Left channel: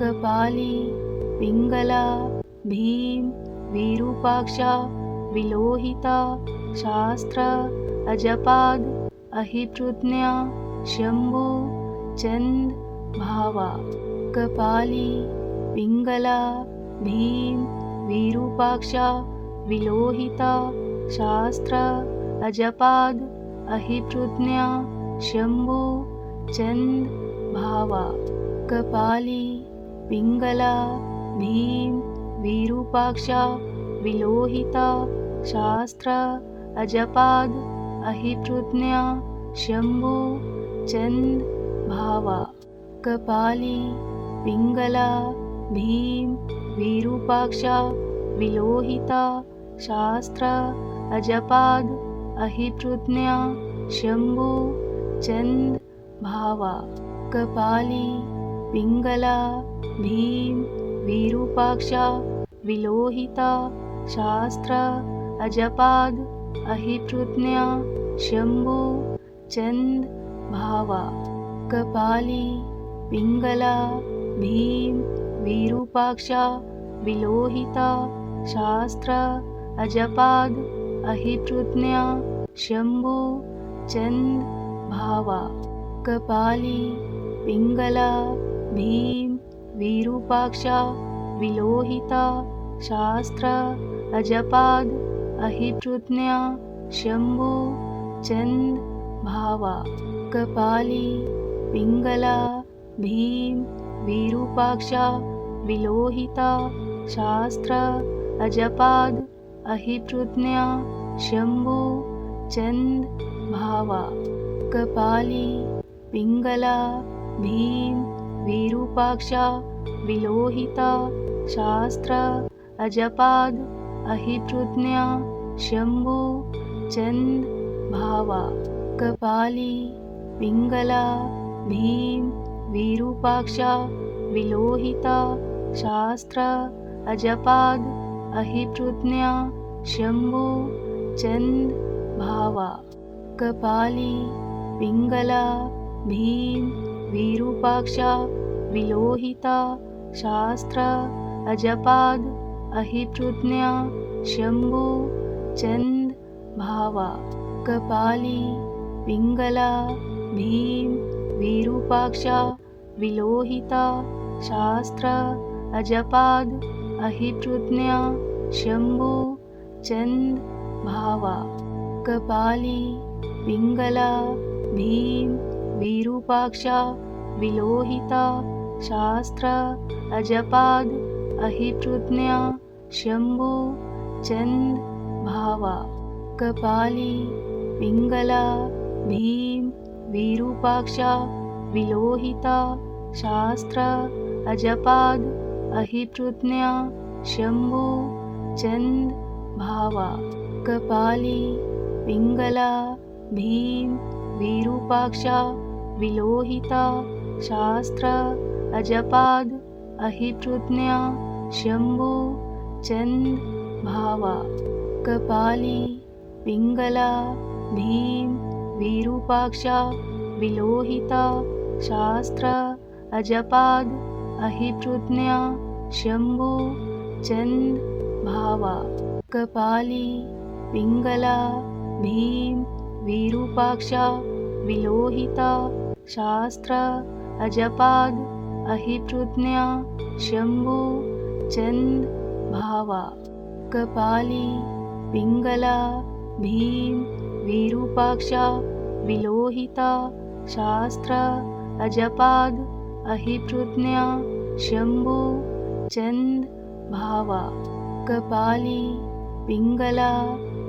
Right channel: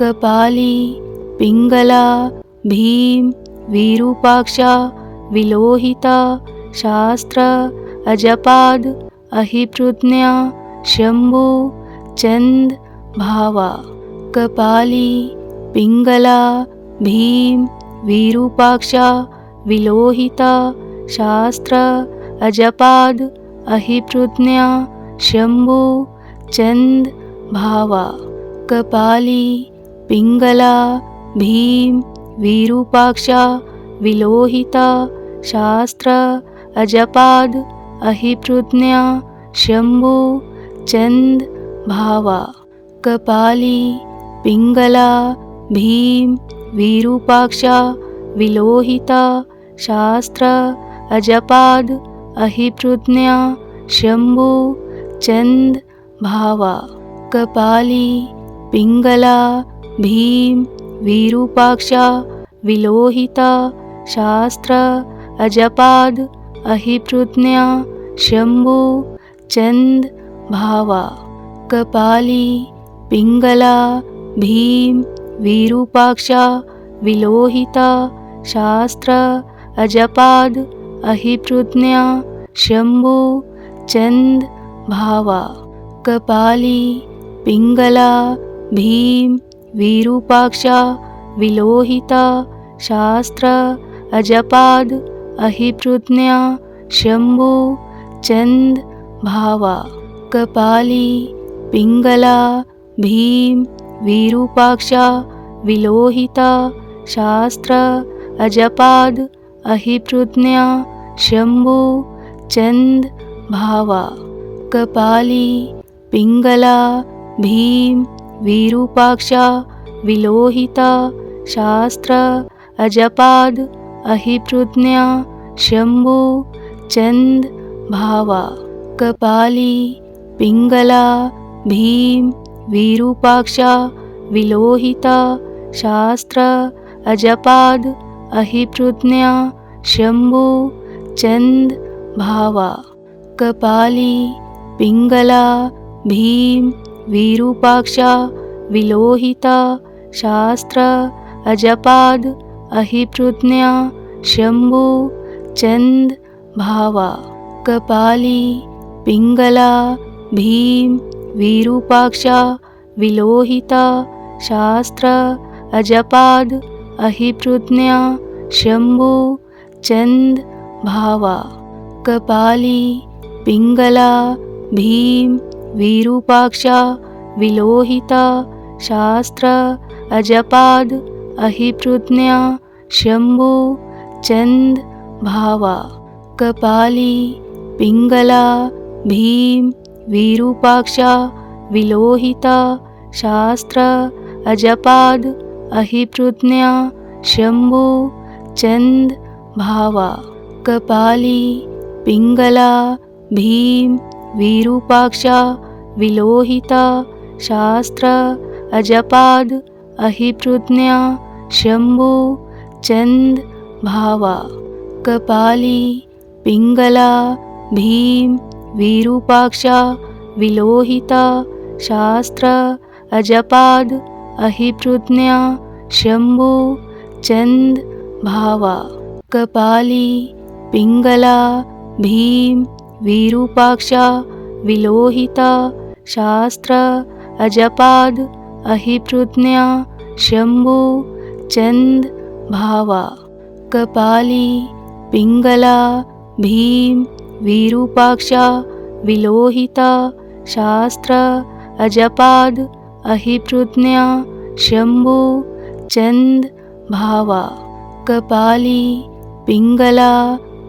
कपाली पिंगला भीम विरूपाक्षा विलोहिता शास्त्र अजपाद अहिप्रज्ञा शंभु चंद भावा। कपाली पिंगला भीम विरूपाक्षा विलोहिता शास्त्र अजपाद अहिप्रज्ञा शंभु चंद भावा। कपाली पिंगला भीम विरूपाक्षा विलोहिता शास्त्र अजपाद अहिप्रज्ञा शंभु चंद भावा। कपाली पिंगला भीम विरूपाक्षा विलोहिता शास्त्र अजपाद अहिप्रज्ञा शंभु चंद भावा। कपाली पिंगला भीम विरूपाक्षा विलोहिता शास्त्र अजपाद अहिप्रज्ञा शंभु चंद भावा। कपाली पिंगला भीम विरूपाक्षा विलोहिता शास्त्र अजपाद अहिप्रज्ञा शंभु चंद भावा। कपाली पिंगला भीम विरूपाक्षा विलोहिता शास्त्र अजपाद अहिप्रज्ञा शंभु चंद भावा। कपाली पिंगला भीम विरूपाक्षा विलोहिता शास्त्र अजपाद अहिप्रज्ञा शंभु चंद भावा। कपाली पिंगला भीम विरूपाक्षा विलोहिता शास्त्र अजपाद अहिप्रज्ञा शंभु चंद भावा। कपाली पिंगला भीम विरूपाक्षा विलोहिता शास्त्र अजपाद अहिप्रज्ञा शंभु चंद भावा। कपाली पिंगला भीम विरूपाक्षा विलोहिता शास्त्र अजपाद अहिप्रज्ञा शंभु चंद भावा। कपाली पिंगला भीम विरूपाक्षा विलोहिता शास्त्र अजपाद अहिप्रज्ञा शंभु चंद भावा। कपाली पिंगला भीम विरूपाक्षा विलोहिता शास्त्र अजपाद अहिप्रज्ञा शंभु चंद भावा। कपाली पिंगला भीम विरूपाक्षा विलोहिता शास्त्र अजपाद अहिप्रज्ञा शंभु चंद भावा। कपाली पिंगला भीम विरूपाक्षा विलोहिता शास्त्र अजपाद अहिप्रज्ञा शंभु चंद भावा। कपाली पिंगला भीम विरूपाक्षा विलोहिता शास्त्र अजपाद अहिप्रज्ञा शंभु चंद भावा। कपाली पिंगला भीम विरूपाक्षा विलोहिता शास्त्र अजपाद अहिप्रज्ञा शंभु चंद भावा। कपाली पिंगला भीम विरूपाक्षा विलोहिता शास्त्र अजपाद अहिप्रज्ञा शंभु चंद भावा। कपाली पिंगला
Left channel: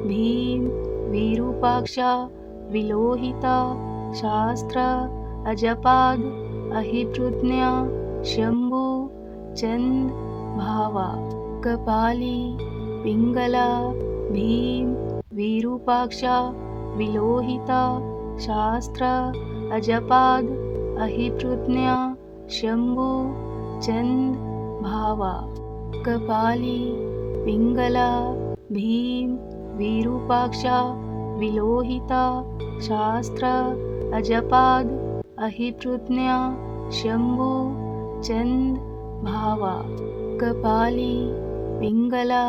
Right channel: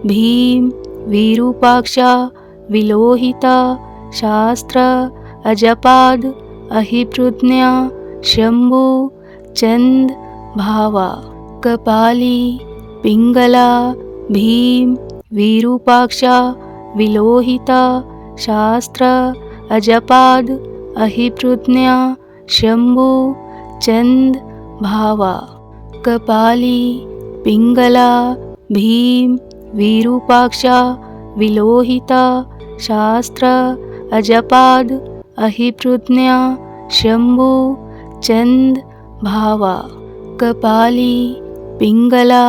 भीम विरूपाक्षा विलोहिता शास्त्र अजपाद अहिप्रज्ञा शंभु चंद भावा। कपाली पिंगला भीम विरूपाक्षा विलोहिता शास्त्र अजपाद अहिप्रज्ञा शंभु चंद भावा। कपाली पिंगला भीम विरूपाक्षा विलोहिता शास्त्र अजपाद अहिप्रज्ञा शंभु चंद भावा कपाली पिंगला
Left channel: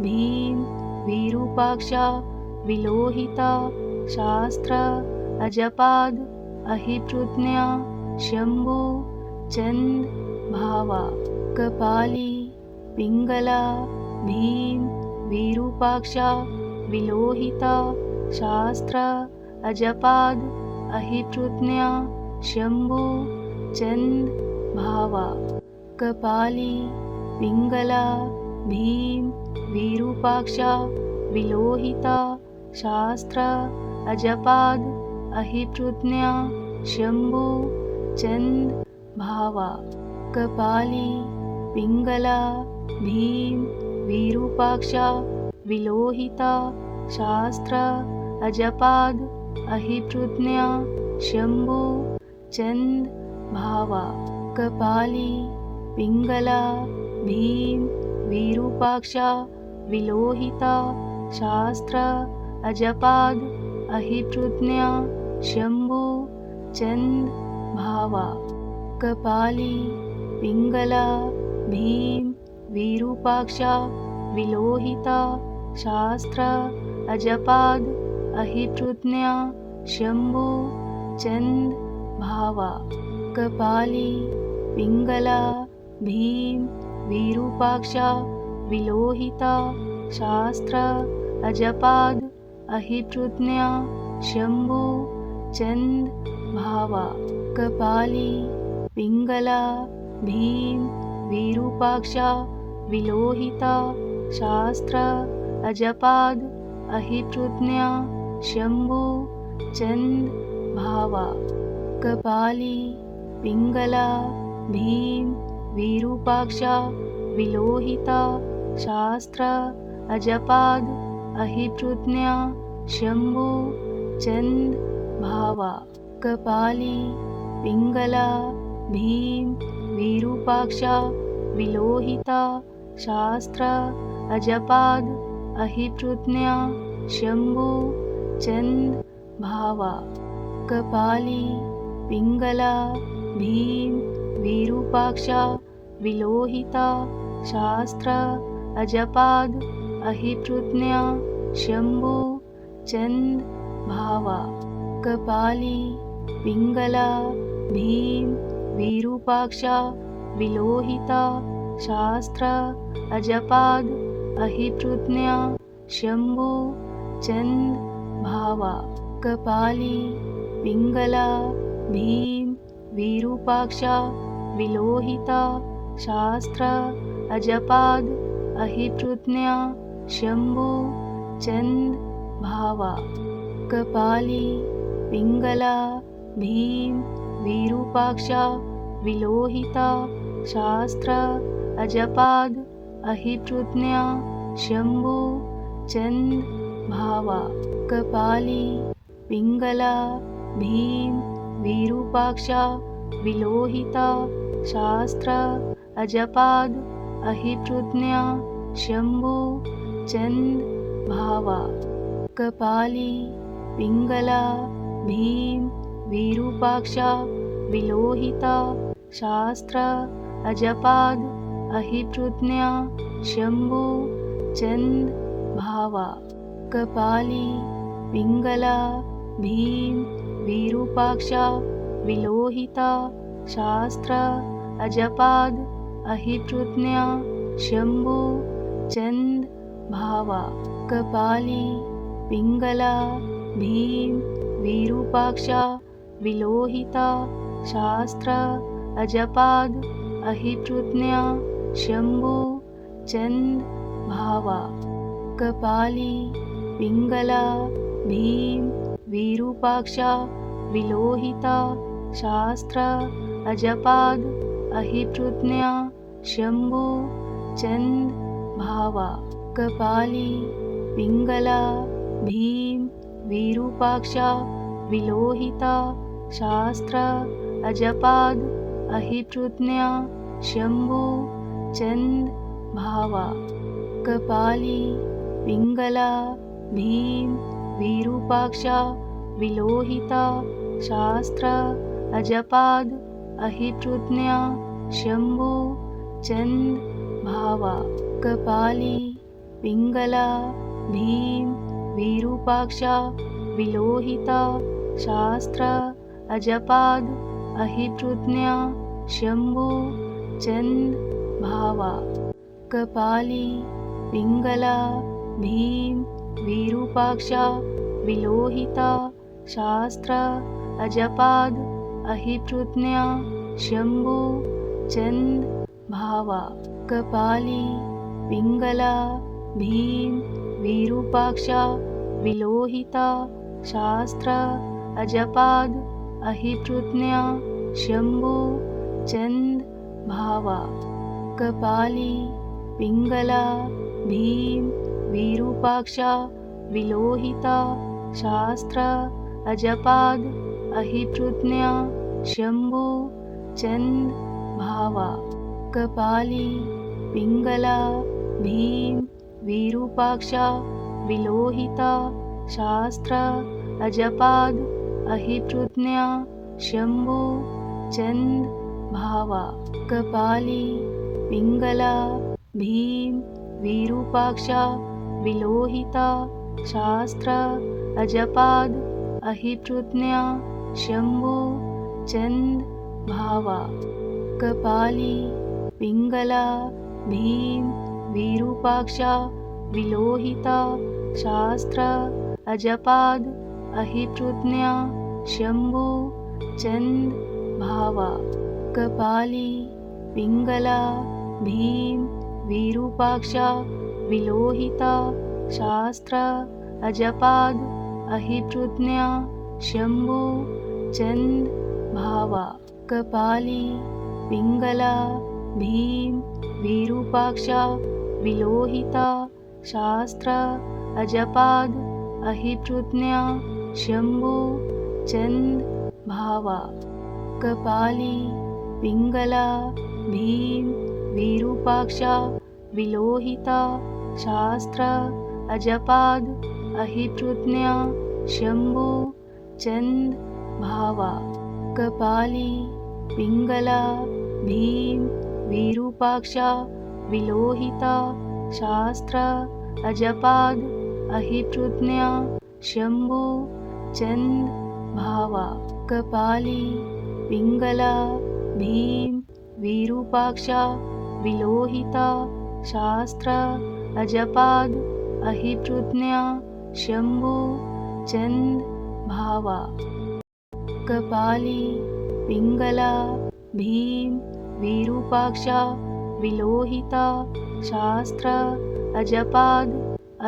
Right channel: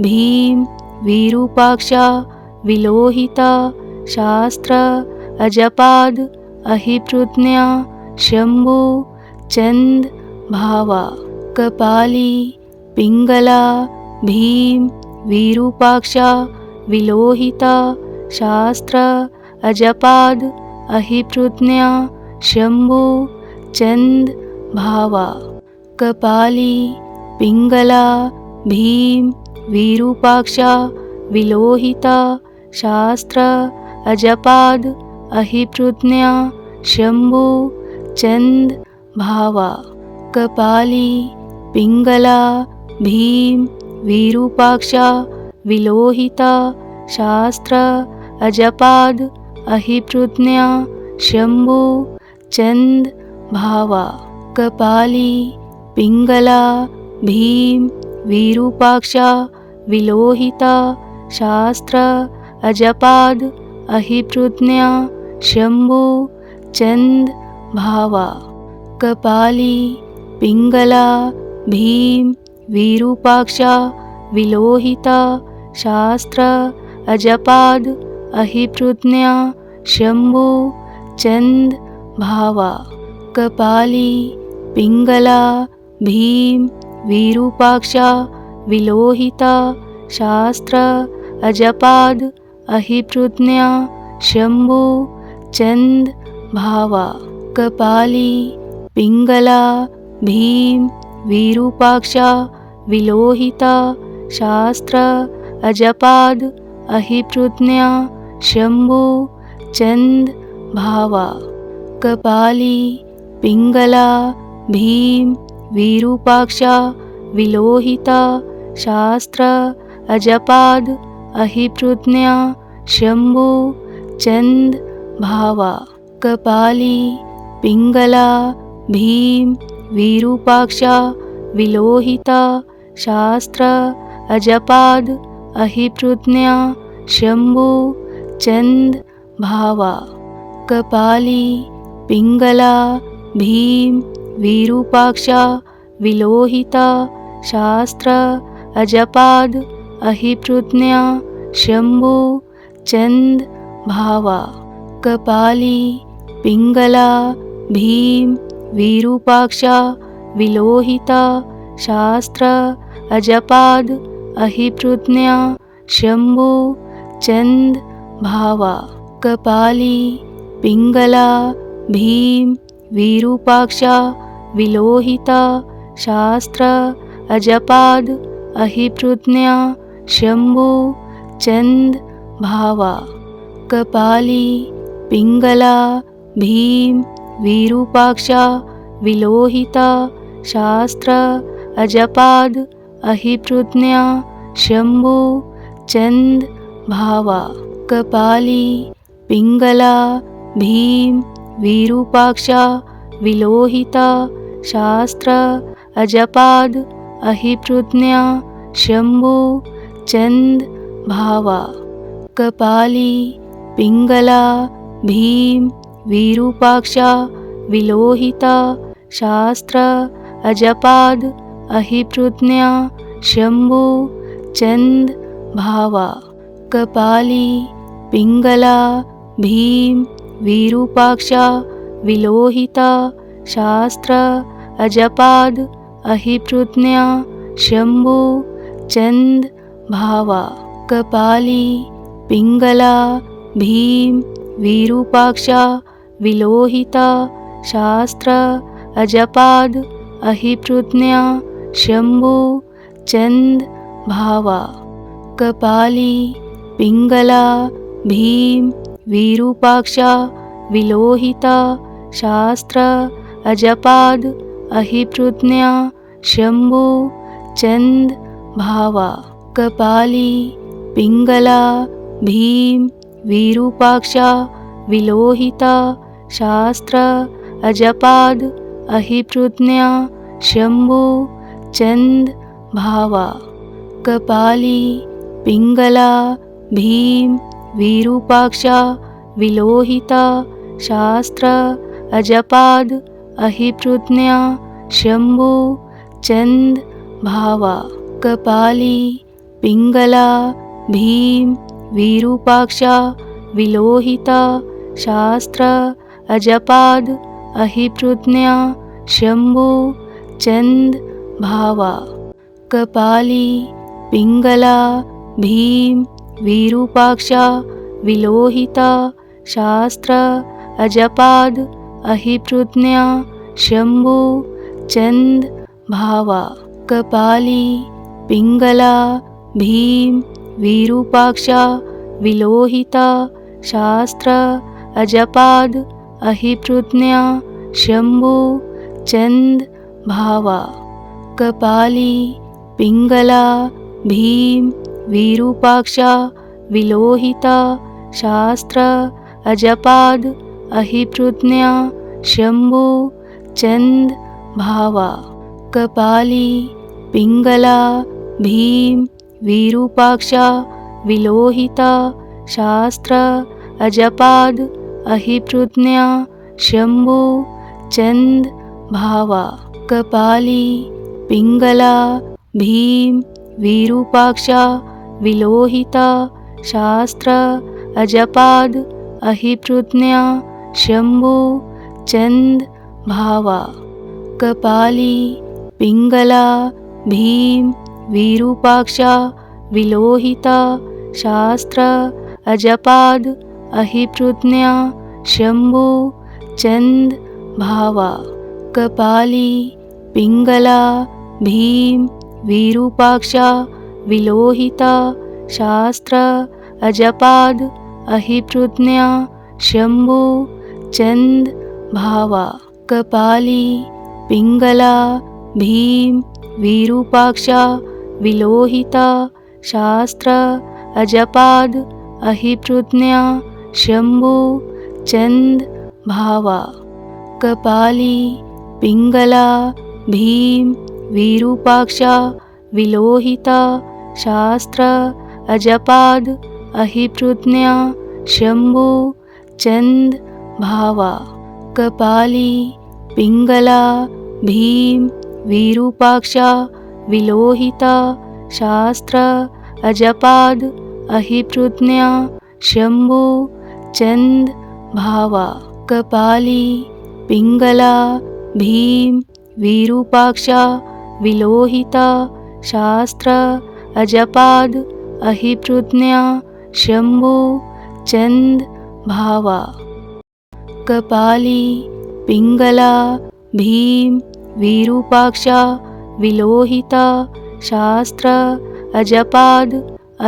भीम विरूपाक्षा विलोहिता शास्त्र अजपाद अहिप्रज्ञा शंभु चंद भावा कपाली पिंगला भीम विरूपाक्षा विलोहिता शास्त्र अजपाद अहिप्रज्ञा शंभु चंद भावा कपाली पिंगला भीम विरूपाक्षा विलोहिता शास्त्र अजपाद अहिप्रज्ञा शंभु चंद भावा कपाली पिंगला भीम विरूपाक्षा विलोहिता शास्त्र अजपाद अहिप्रज्ञा शंभु चंद भावा कपाली पिंगला भीम विरूपाक्षा विलोहिता शास्त्र अजपाद अहिप्रज्ञा शंभु चंद भावा कपाली पिंगला भीम विरूपाक्षा विलोहिता शास्त्र अजपाद अहिप्रज्ञा शंभु चंद भावा कपाली पिंगला भीम विरूपाक्षा विलोहिता शास्त्र अजपाद अहिप्रज्ञा शंभु चंद भावा कपाली पिंगला भीम विरूपाक्षा विलोहिता शास्त्र अजपाद अहिप्रज्ञा शंभु चंद भावा कपाली पिंगला भीम विरूपाक्षा विलोहिता शास्त्र अजपाद अहिप्रज्ञा शंभु चंद भावा कपाली पिंगला भीम विरूपाक्षा विलोहिता शास्त्र अजपाद अहिप्रज्ञा शंभु चंद भावा कपाली पिंगला भीम विरूपाक्षा विलोहिता शास्त्र अजपाद अहिप्रज्ञा शंभु चंद भावा कपाली पिंगला भीम विरूपाक्षा विलोहिता शास्त्र अजपाद अहिप्रज्ञा शंभु चंद भावा कपाली पिंगला भीम विरूपाक्षा विलोहिता शास्त्र अजपाद अहिप्रज्ञा शंभु चंद भावा कपाली पिंगला भीम विरूपाक्षा विलोहिता शास्त्र अजपाद अहिप्रज्ञा शंभु चंद भावा कपाली पिंगला भीम विरूपाक्षा विलोहिता शास्त्र अजपाद अहिप्रज्ञा शंभु चंद भावा कपाली पिंगला भीम विरूपाक्षा विलोहिता शास्त्र अजपाद अहिप्रज्ञा शंभु चंद भावा कपाली पिंगला भीम विरूपाक्षा विलोहिता शास्त्र अजपाद अहिप्रज्ञा शंभु चंद भावा कपाली पिंगला भीम विरूपाक्षा विलोहिता शास्त्र अजपाद अहिप्रज्ञा शंभु चंद भावा कपाली पिंगला भीम विरूपाक्षा विलोहिता शास्त्र अजपाद अहिप्रज्ञा शंभु चंद भावा कपाली पिंगला भीम विरूपाक्षा विलोहिता शास्त्र अजपाद अहिप्रज्ञा शंभु चंद भावा कपाली पिंगला भीम विरूपाक्षा विलोहिता शास्त्र अजपाद अहिप्रज्ञा शंभु चंद भावा कपाली पिंगला भीम विरूपाक्षा विलोहिता शास्त्र अजपाद अहिप्रज्ञा शंभु चंद भावा कपाली पिंगला भीम विरूपाक्षा विलोहिता शास्त्र अजपाद अहिप्रज्ञा शंभु चंद भावा कपाली पिंगला भीम विरूपाक्षा विलोहिता शास्त्र अजपाद अहिप्रज्ञा शंभु चंद भावा कपाली पिंगला भीम विरूपाक्षा विलोहिता शास्त्र अजपाद अहिप्रज्ञा शंभु चंद भावा कपाली पिंगला भीम विरूपाक्षा विलोहिता शास्त्र अजपाद अहिप्रज्ञा शंभु चंद भावा कपाली पिंगला भीम विरूपाक्षा विलोहिता शास्त्र अजपाद अहिप्रज्ञा शंभु चंद भावा कपाली पिंगला भीम विरूपाक्षा विलोहिता शास्त्र अजपाद अहिप्रज्ञा शंभु चंद भावा कपाली पिंगला भीम विरूपाक्षा विलोहिता शास्त्र अजपाद अहिप्रज्ञा शंभु चंद भावा कपाली पिंगला भीम विरूपाक्षा विलोहिता शास्त्र अजपाद अहिप्रज्ञा शंभु चंद भावा कपाली पिंगला भीम विरूपाक्षा विलोहिता शास्त्र अजपाद अहिप्रज्ञा शंभु चंद भावा कपाली पिंगला भीम विरूपाक्षा विलोहिता शास्त्र अजपाद अहिप्रज्ञा शंभु चंद भावा कपाली पिंगला भीम विरूपाक्षा विलोहिता शास्त्र अजपाद अहिप्रज्ञा शंभु चंद भावा कपाली पिंगला भीम विरूपाक्षा विलोहिता शास्त्र अजपाद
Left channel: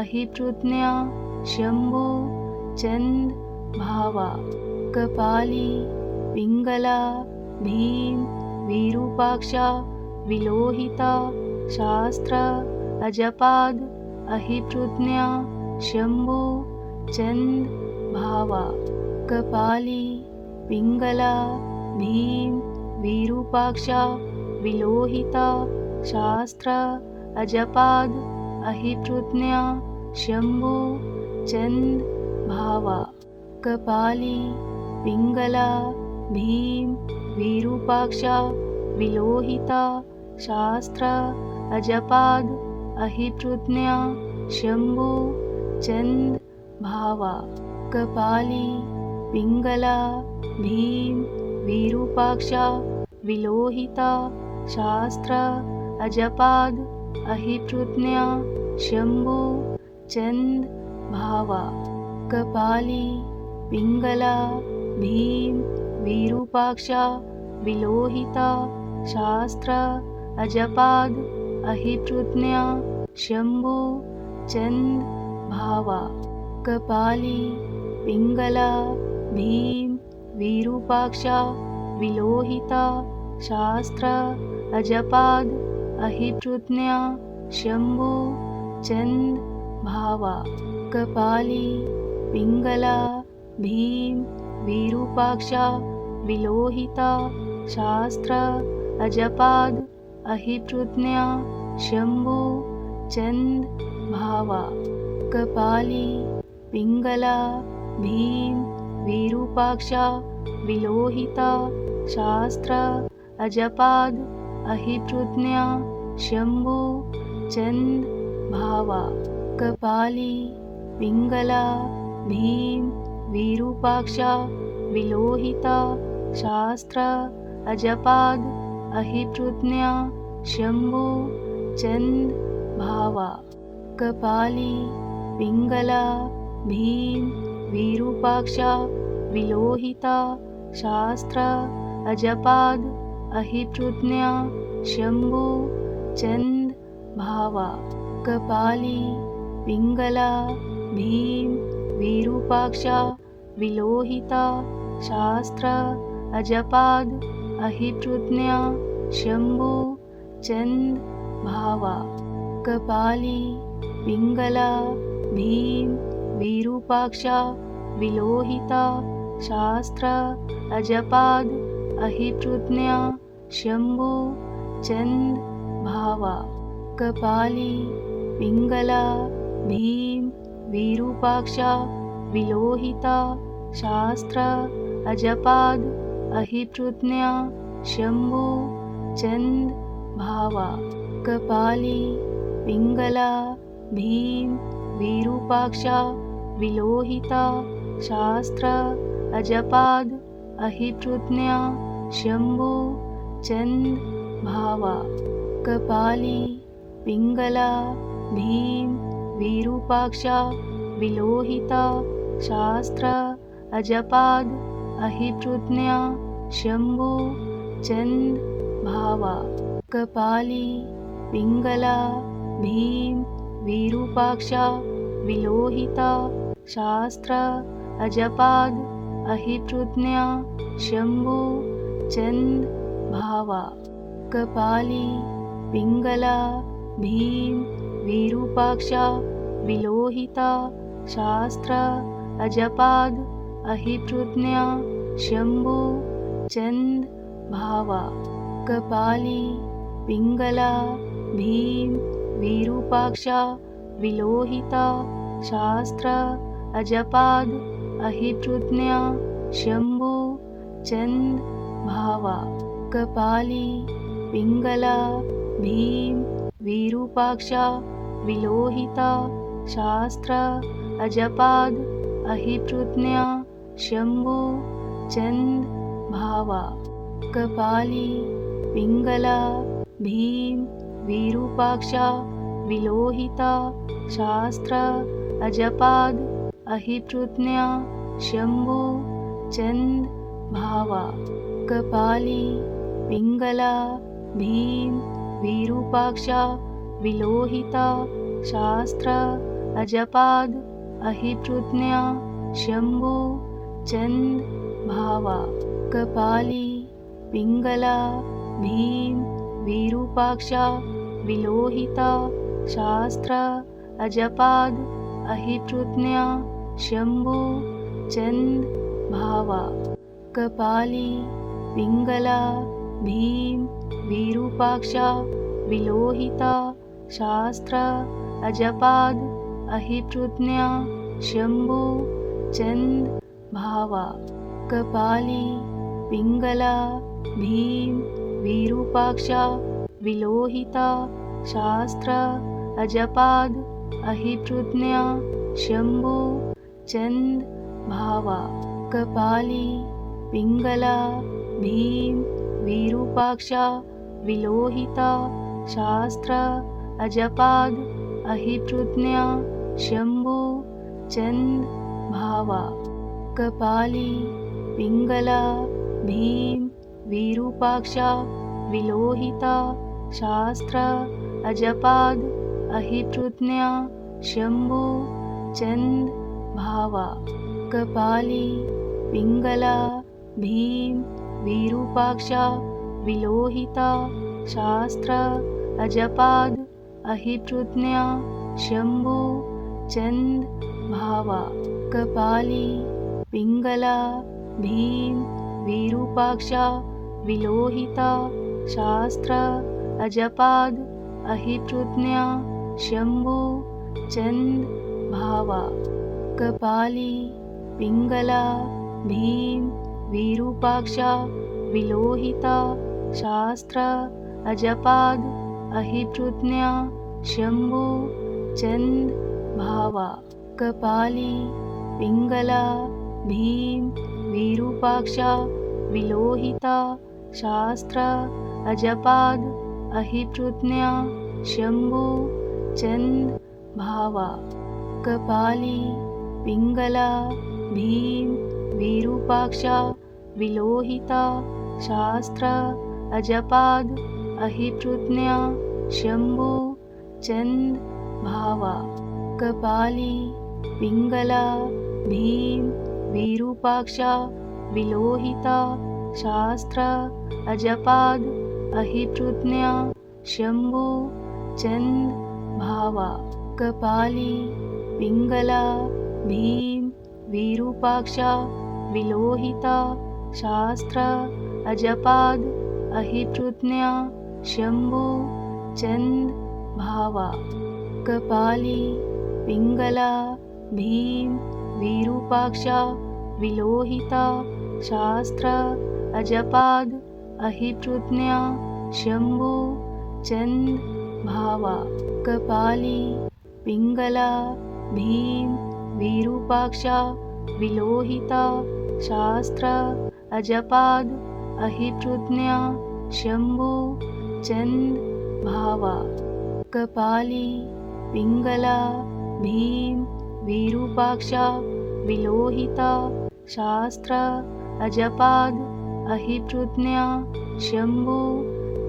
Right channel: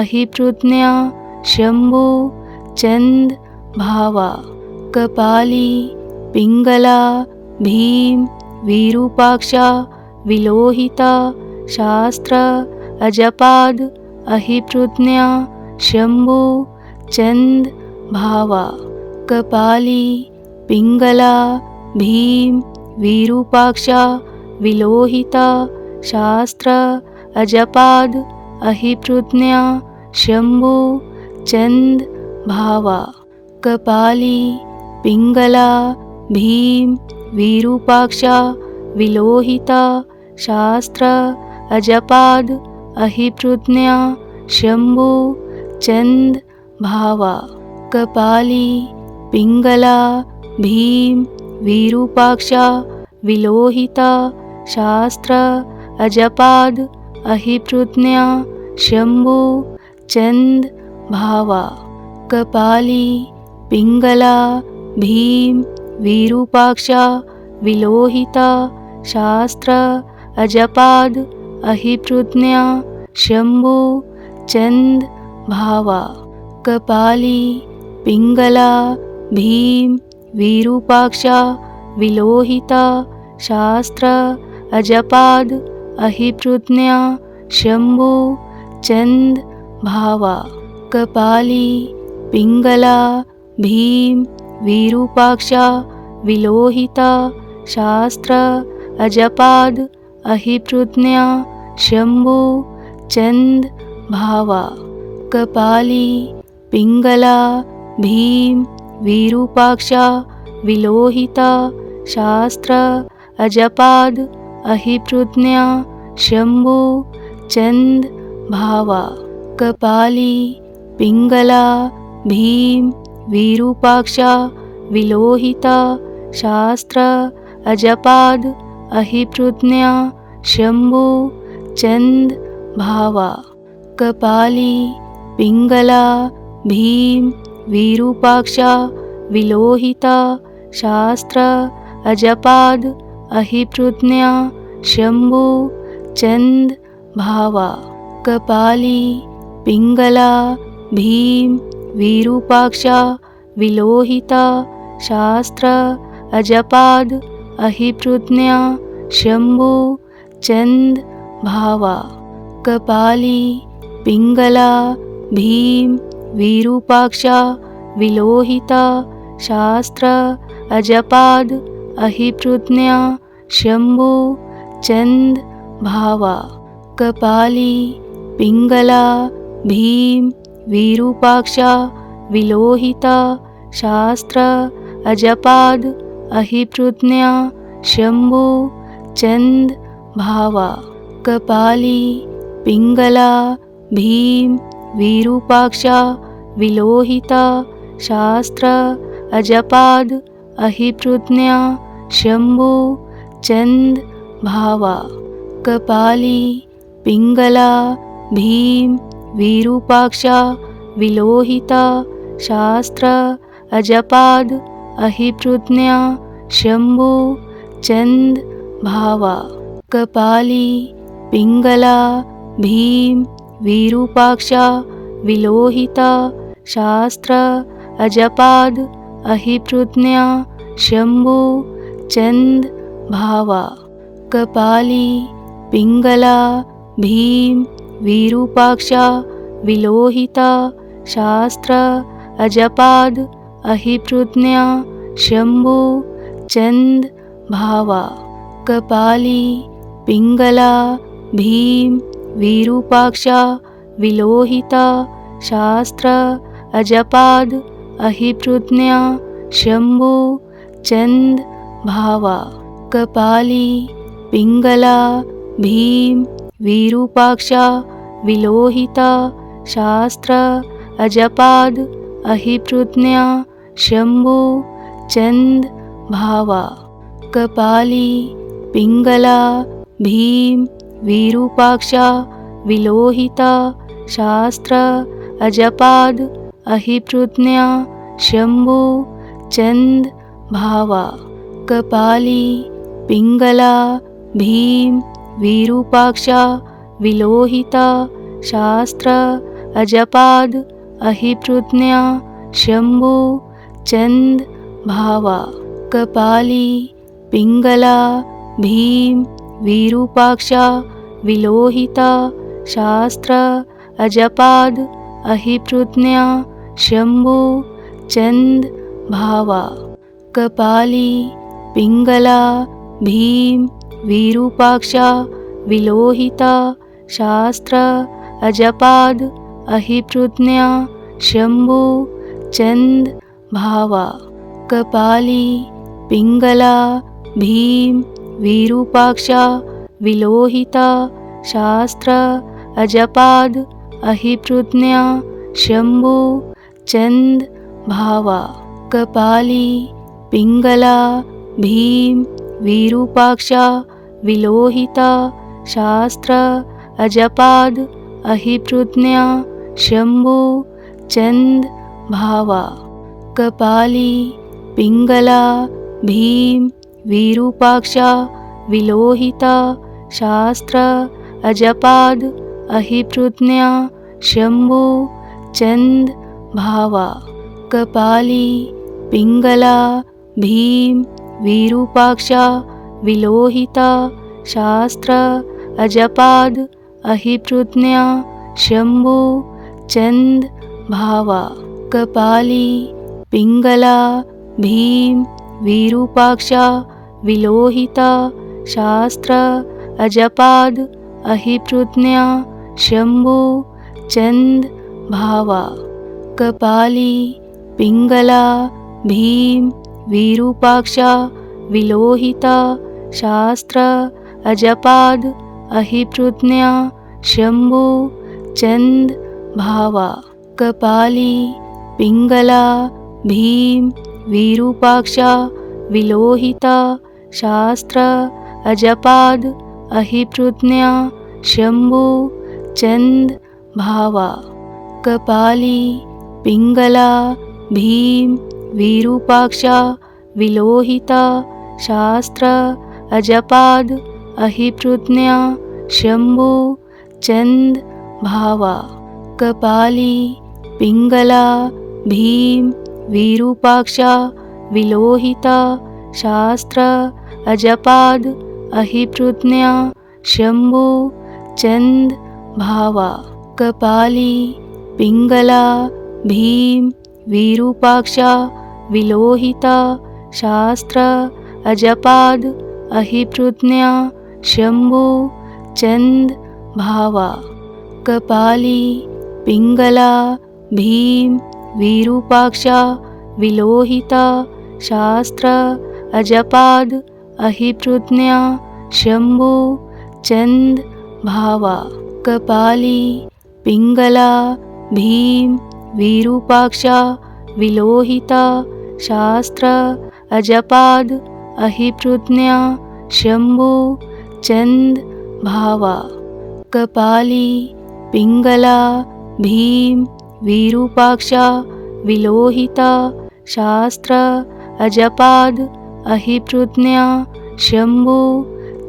अहिप्रज्ञा शंभु चंद भावा कपाली पिंगला भीम विरूपाक्षा विलोहिता शास्त्र अजपाद अहिप्रज्ञा शंभु चंद भावा कपाली पिंगला भीम विरूपाक्षा विलोहिता शास्त्र अजपाद अहिप्रज्ञा शंभु चंद भावा कपाली पिंगला भीम विरूपाक्षा विलोहिता शास्त्र अजपाद अहिप्रज्ञा शंभु चंद भावा कपाली पिंगला भीम विरूपाक्षा विलोहिता शास्त्र अजपाद अहिप्रज्ञा शंभु चंद भावा कपाली पिंगला भीम विरूपाक्षा विलोहिता शास्त्र अजपाद अहिप्रज्ञा शंभु चंद भावा कपाली पिंगला भीम विरूपाक्षा विलोहिता शास्त्र अजपाद अहिप्रज्ञा शंभु चंद भावा कपाली पिंगला भीम विरूपाक्षा विलोहिता शास्त्र अजपाद अहिप्रज्ञा शंभु चंद भावा कपाली पिंगला भीम विरूपाक्षा विलोहिता शास्त्र अजपाद अहिप्रज्ञा शंभु चंद भावा कपाली पिंगला भीम विरूपाक्षा विलोहिता शास्त्र अजपाद अहिप्रज्ञा शंभु चंद भावा कपाली पिंगला भीम विरूपाक्षा विलोहिता शास्त्र अजपाद अहिप्रज्ञा शंभु चंद भावा कपाली पिंगला भीम विरूपाक्षा विलोहिता शास्त्र अजपाद अहिप्रज्ञा शंभु चंद भावा कपाली पिंगला भीम विरूपाक्षा विलोहिता शास्त्र अजपाद अहिप्रज्ञा शंभु चंद भावा कपाली पिंगला भीम विरूपाक्षा विलोहिता शास्त्र अजपाद अहिप्रज्ञा शंभु चंद भावा कपाली पिंगला भीम विरूपाक्षा विलोहिता शास्त्र अजपाद अहिप्रज्ञा शंभु चंद भावा कपाली पिंगला भीम विरूपाक्षा विलोहिता शास्त्र अजपाद अहिप्रज्ञा शंभु चंद भावा कपाली पिंगला भीम विरूपाक्षा विलोहिता शास्त्र अजपाद अहिप्रज्ञा शंभु चंद भावा कपाली पिंगला भीम विरूपाक्षा विलोहिता शास्त्र अजपाद अहिप्रज्ञा शंभु चंद भावा कपाली पिंगला भीम विरूपाक्षा विलोहिता शास्त्र अजपाद अहिप्रज्ञा शंभु चंद भावा कपाली पिंगला भीम विरूपाक्षा विलोहिता शास्त्र अजपाद अहिप्रज्ञा शंभु चंद भावा कपाली पिंगला भीम विरूपाक्षा विलोहिता शास्त्र अजपाद अहिप्रज्ञा शंभु चंद भावा कपाली पिंगला भीम विरूपाक्षा विलोहिता शास्त्र अजपाद अहिप्रज्ञा शंभु चंद भावा कपाली पिंगला भीम विरूपाक्षा विलोहिता शास्त्र अजपाद अहिप्रज्ञा शंभु चंद भावा कपाली पिंगला भीम विरूपाक्षा विलोहिता शास्त्र अजपाद अहिप्रज्ञा शंभु चंद भावा कपाली पिंगला भीम विरूपाक्षा विलोहिता शास्त्र अजपाद अहिप्रज्ञा शंभु चंद भावा कपाली पिंगला भीम विरूपाक्षा विलोहिता शास्त्र अजपाद अहिप्रज्ञा शंभु चंद भावा कपाली पिंगला भीम विरूपाक्षा विलोहिता शास्त्र अजपाद अहिप्रज्ञा शंभु चंद भावा कपाली पिंगला भीम विरूपाक्षा विलोहिता शास्त्र अजपाद अहिप्रज्ञा शंभु चंद भावा कपाली पिंगला भीम विरूपाक्षा विलोहिता शास्त्र अजपाद अहिप्रज्ञा शंभु चंद भावा कपाली पिंगला भीम विरूपाक्षा विलोहिता शास्त्र अजपाद अहिप्रज्ञा शंभु चंद भावा कपाली पिंगला भीम विरूपाक्षा विलोहिता शास्त्र अजपाद अहिप्रज्ञा शंभु चंद भावा कपाली पिंगला भीम विरूपाक्षा विलोहिता शास्त्र अजपाद अहिप्रज्ञा शंभु चंद भावा कपाली पिंगला भीम विरूपाक्षा विलोहिता शास्त्र अजपाद अहिप्रज्ञा शंभु चंद भावा कपाली पिंगला भीम विरूपाक्षा विलोहिता शास्त्र अजपाद अहिप्रज्ञा शंभु चंद भावा कपाली पिंगला भीम विरूपाक्षा विलोहिता शास्त्र अजपाद अहिप्रज्ञा शंभु चंद भावा कपाली पिंगला भीम विरूपाक्षा विलोहिता शास्त्र अजपाद अहिप्रज्ञा शंभु चंद भावा कपाली पिंगला भीम विरूपाक्षा विलोहिता शास्त्र अजपाद अहिप्रज्ञा शंभु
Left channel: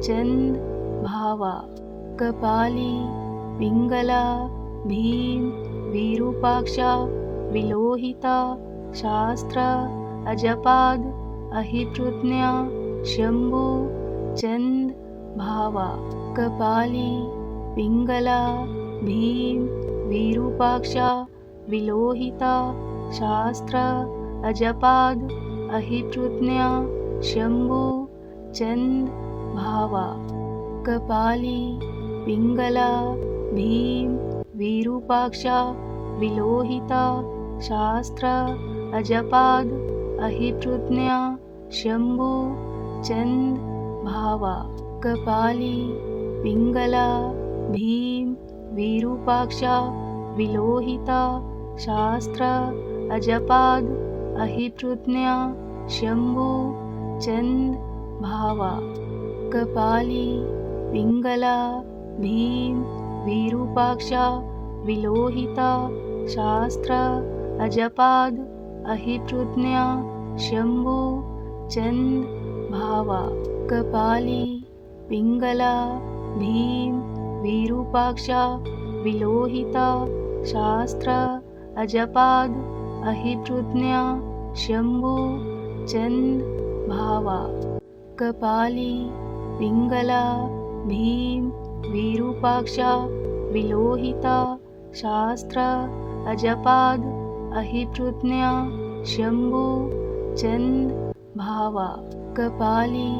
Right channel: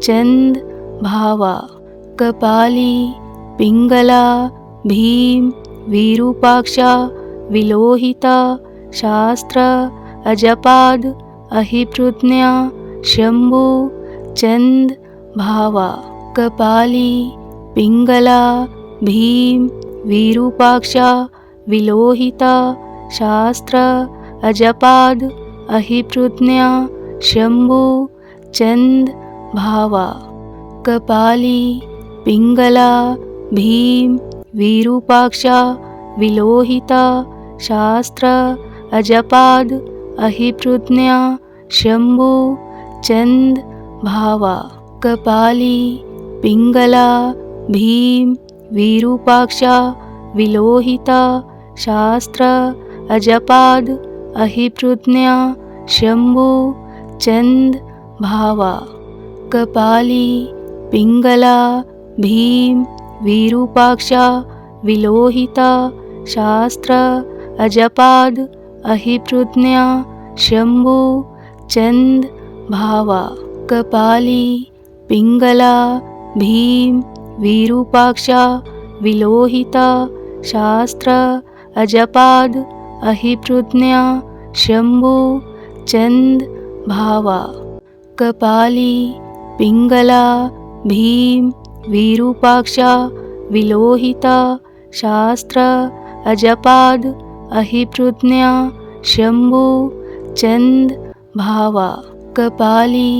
चंद भावा कपाली पिंगला भीम विरूपाक्षा विलोहिता शास्त्र अजपाद अहिप्रज्ञा शंभु चंद भावा कपाली पिंगला भीम विरूपाक्षा विलोहिता शास्त्र अजपाद अहिप्रज्ञा शंभु चंद भावा कपाली पिंगला भीम विरूपाक्षा विलोहिता शास्त्र अजपाद अहिप्रज्ञा शंभु चंद भावा कपाली पिंगला भीम विरूपाक्षा विलोहिता शास्त्र अजपाद अहिप्रज्ञा शंभु चंद भावा कपाली पिंगला भीम विरूपाक्षा विलोहिता शास्त्र अजपाद अहिप्रज्ञा शंभु चंद भावा कपाली पिंगला भीम विरूपाक्षा विलोहिता शास्त्र अजपाद अहिप्रज्ञा शंभु चंद भावा कपाली पिंगला भीम विरूपाक्षा विलोहिता शास्त्र अजपाद अहिप्रज्ञा शंभु चंद भावा कपाली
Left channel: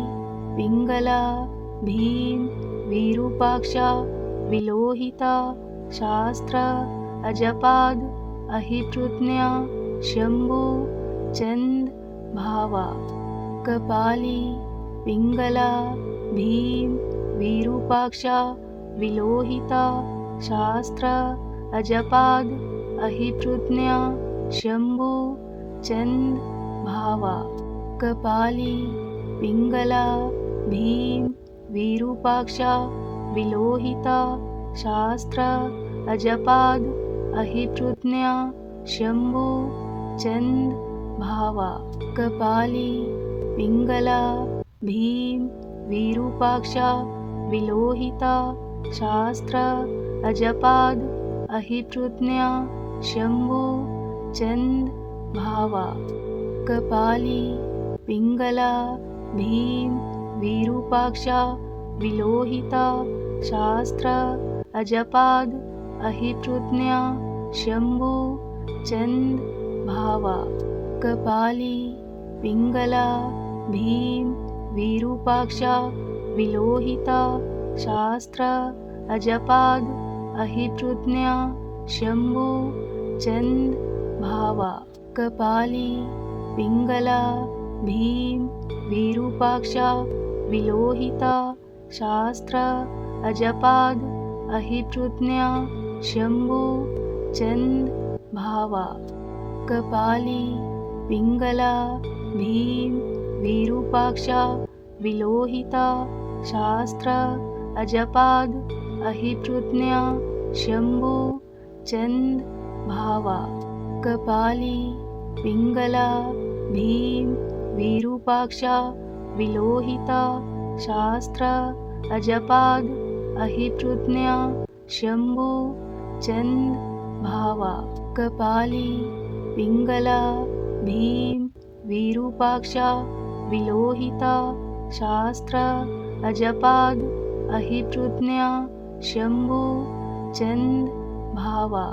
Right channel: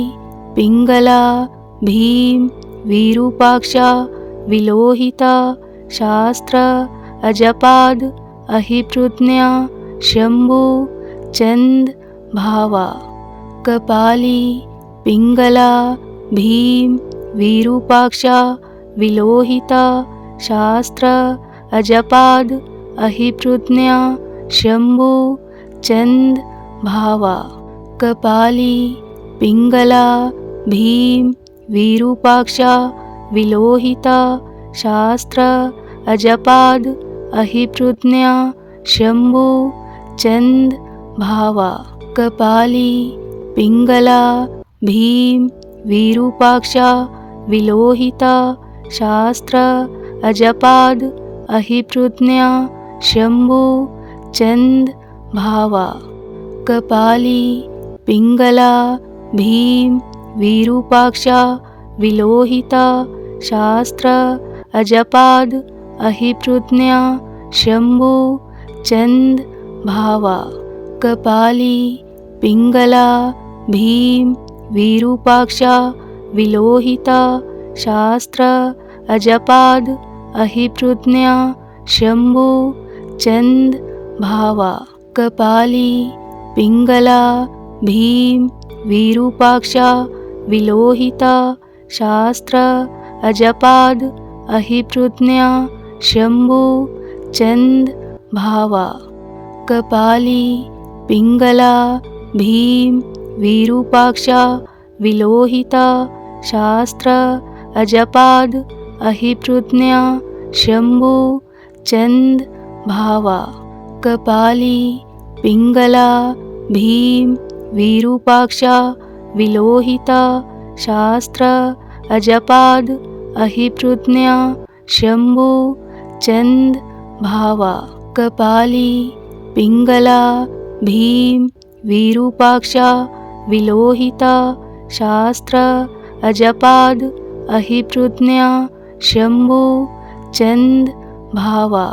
पिंगला भीम विरूपाक्षा विलोहिता शास्त्र अजपाद अहिप्रज्ञा शंभु चंद भावा कपाली पिंगला भीम विरूपाक्षा विलोहिता शास्त्र अजपाद अहिप्रज्ञा शंभु चंद भावा कपाली पिंगला भीम विरूपाक्षा विलोहिता शास्त्र अजपाद अहिप्रज्ञा शंभु चंद भावा कपाली पिंगला भीम विरूपाक्षा विलोहिता शास्त्र अजपाद अहिप्रज्ञा शंभु चंद भावा कपाली पिंगला भीम विरूपाक्षा विलोहिता शास्त्र अजपाद अहिप्रज्ञा शंभु चंद भावा कपाली पिंगला भीम विरूपाक्षा विलोहिता शास्त्र अजपाद अहिप्रज्ञा शंभु चंद भावा कपाली पिंगला भीम विरूपाक्षा विलोहिता शास्त्र अजपाद अहिप्रज्ञा शंभु चंद भावा कपाली पिंगला भीम विरूपाक्षा विलोहिता शास्त्र अजपाद अहिप्रज्ञा शंभु चंद भावा कपाली पिंगला भीम विरूपाक्षा विलोहिता शास्त्र अजपाद अहिप्रज्ञा शंभु चंद भावा कपाली पिंगला भीम विरूपाक्षा विलोहिता शास्त्र अजपाद अहिप्रज्ञा शंभु चंद भावा।